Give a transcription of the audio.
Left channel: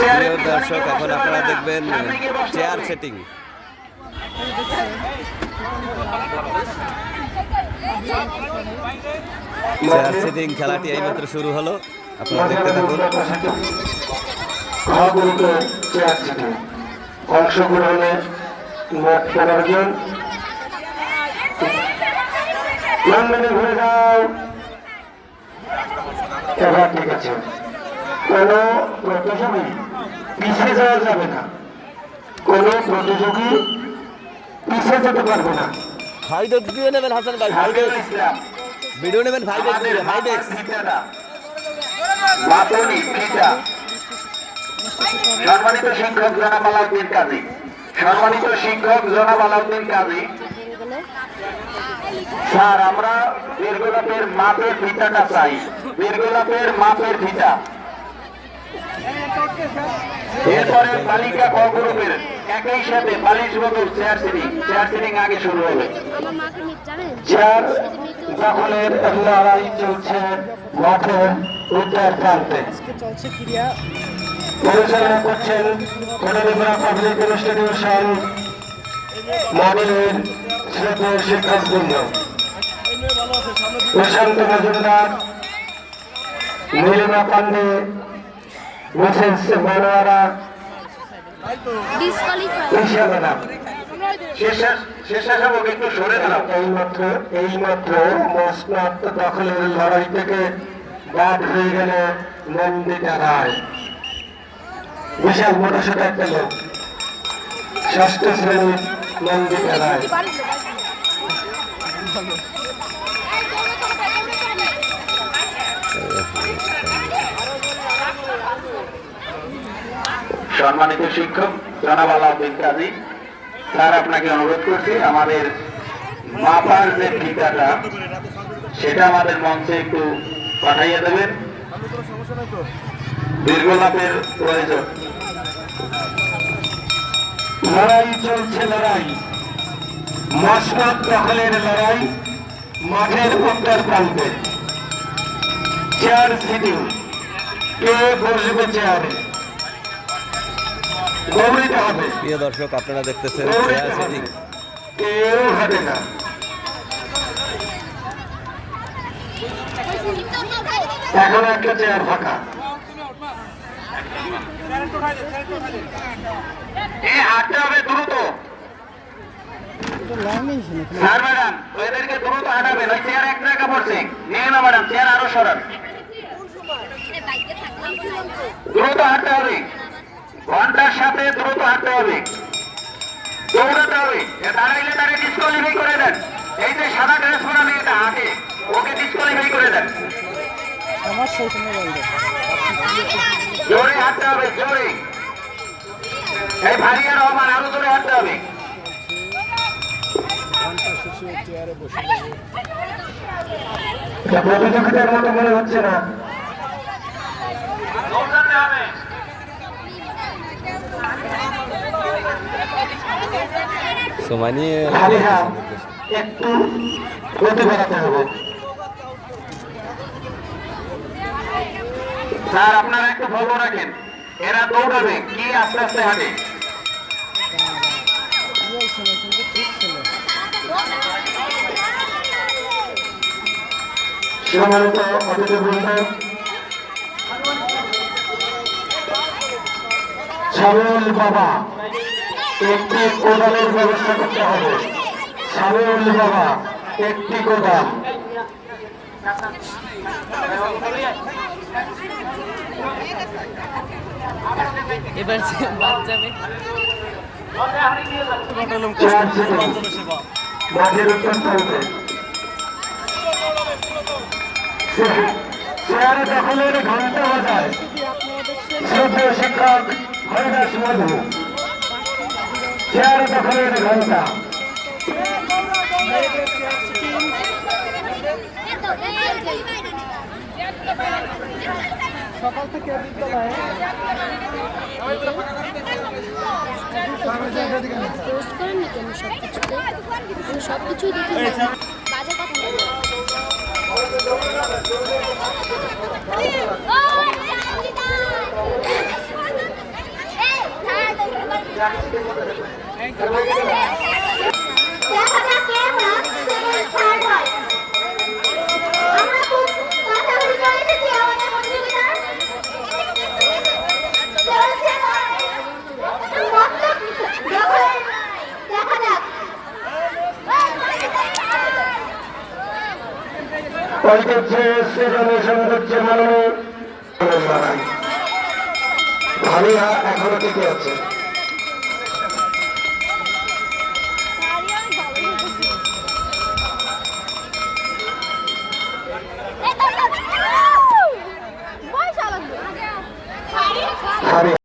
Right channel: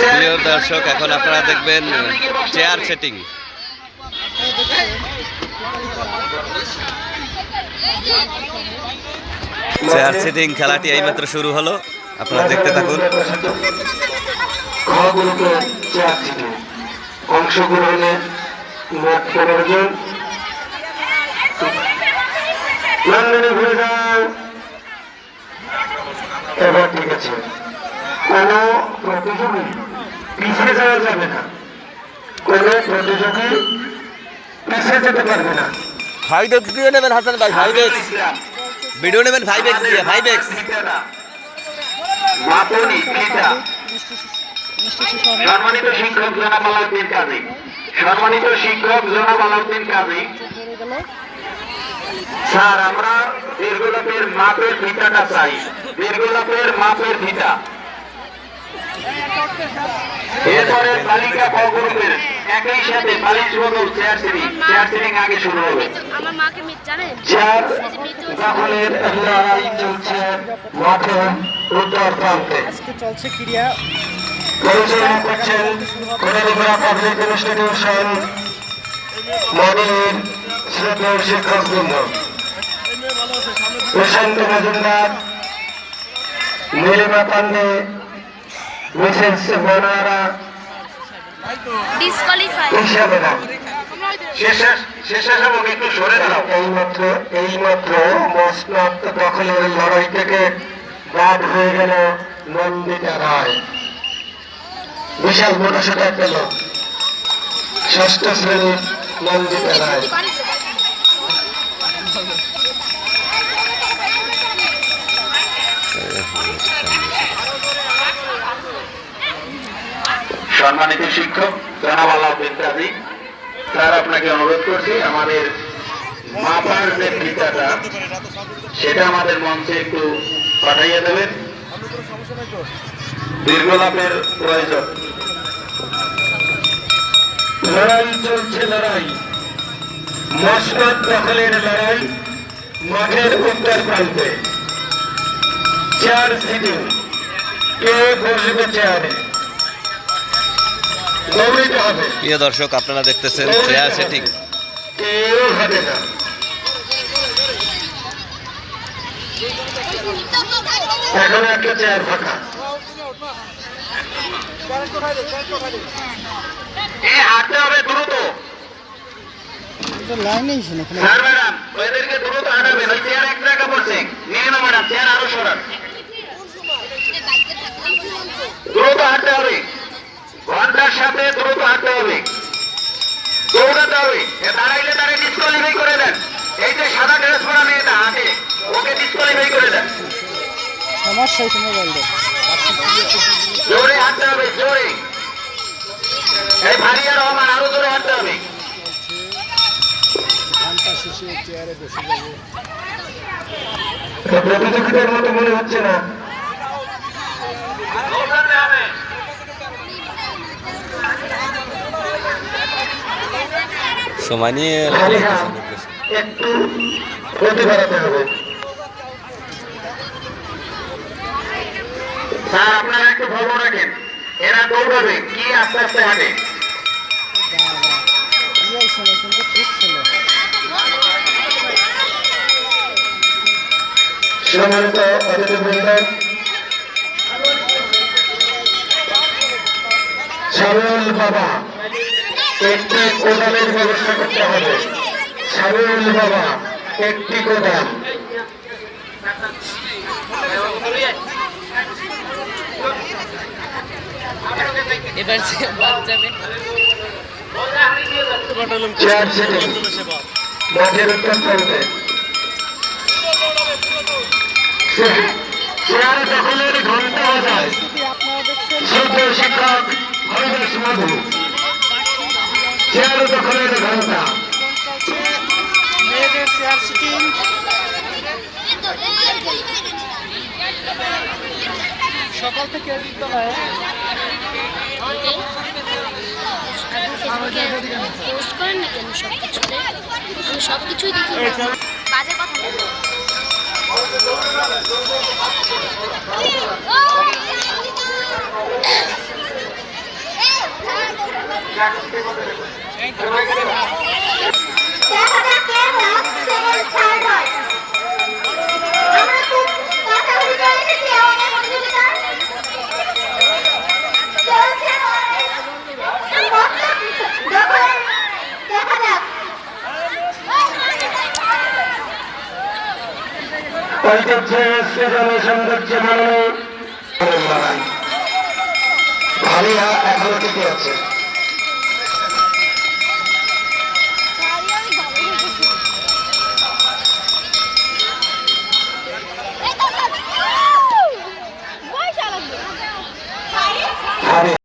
প্রিয় দর্শক, এখন আপনারা দেখবেন চেয়ার সেটিং। চেয়ার সেটিং খেলাটি এইমাত্র শুরু হলো, আপনারা দেখতে থাকুন। অংশগ্রহণে মোট 15 জন। ঘুরে যাও। এবার ঠিক আছে, কোন প্রতিযোগী পিছিয়ে যাওয়া যাবে না, কোন প্রতিযোগী পিছিয়ে যেতে পারবে না। 5x দিয়ে নেবেন হাসান ভাই, 5x ভিডিও নেবেন, 5x দিয়ে, 5x। মাপনি পিতা সম্মানিত শিক্ষক জনাব আলাউদ্দিন কাজী, সম্মানিত শিক্ষক জনাব আলাউদ্দিন কাজী স্যার, আমরা দীর্ঘলাপের মাপের ফিতাটা চাই, দীর্ঘলাপের মাপের ফিতা। এরপরে বালিকা ক গ্রুপের একই সাথে বালিশ বদল চেয়ার সিটিং আগে শুরু হবে। চেয়ার দখলের লড়াই চলছে মাঠের উত্তর প্রান্তে। পরিচালনা করছেন কলিয়াদহ পাবলিক ইনস্টিটিউশন মনির শ্রদ্ধেয় শিক্ষকবৃন্দ, প্রশান্ত মজুমদার, নীলিমা পান্ডে, মিসেস বনোয়ারা, এইমাত্র মসনদ দখলের লড়াই থেকে বাদ হয়ে গেল নন্দিতা রায়। বিশাল মোটরসাইকেল একটা লোক, 6ষ্ঠ শ্রেণীর নন্দিতা রায়। সম্মানিত শিক্ষক জনাব আলাউদ্দিন কাজী স্যার, আপনাকে অনুরোধ করছি আমাদের মাপার যে ফিতাটা সেটা আমাদের মঞ্চে একটু পাঠাইয়া দেবেন, দীর্ঘলাপের প্রয়োজন। লড়াই চলছে, লড়াই মসনদ দখলের লড়াই মাঠের উত্তর প্রান্তে। চেয়ার সিটিং, কে বসবে চেয়ারে? প্রিয় দর্শক, আপনারা দেখতেছেন চেয়ার সেটিং। এখন একটা চেয়ার ফাঁকা, হাঁটতে হবে দ্রুত। স্যার ম্যাডাম, ওদেরকে দ্রুত হাঁটাবেন, ওই চেয়ার এক জায়গা পড়ছে, নিয়ে না ম্যাডাম, চেয়ার আরো সরান, দ্রুত হাঁটতে হবে, ঘন্টার সাথে দ্রুত হাঁটতে হবে, দৌড়াতে হবে। দাঁড়াইলে তাকে ডিসকোয়ালিফাই করে দেন। এই যে সাদা ড্রেস পরা মেয়েটা হাঁটে, ওকে ডিসকোয়ালিফাই করে দেন। জোরে হাঁটতে হবে, জোরে। এই ভারিয়া রহমান, আরো জোরে হাঁটতে হবে। প্রতিযোগিতার মতো মনে হচ্ছে না। সময় নিয়ে একটু গতি বাড়াতে হবে। স্যার, আপনারা একটু খবর রাখেন, এরা দৌড়াবে কি আস্তে আস্তে হাঁটে। সম্মানিত অতিথিবৃন্দ, সামিউল বাবা, একটি কোদালের ব্যবস্থা করতে হবে। সামিউল বাবা, একটি কোদাল। মাঠের উত্তর প্রান্তে চেয়ারে দখলের ঘন্টা বাজায় শ্রদ্ধেয় শিক্ষক হরিদাস মধু। চেয়ারে দখলের ঘন্টা। সকাল থেকে বিদ্যালয়ে পোস্ট করেন নাকি? আমি সবকিছুই দেখি, বাজে কথা বলবো। ঐতিহ্যে সৃজনী সৌন্দর্য মাননীয় ভালিয়া এখনো টিকে আছে।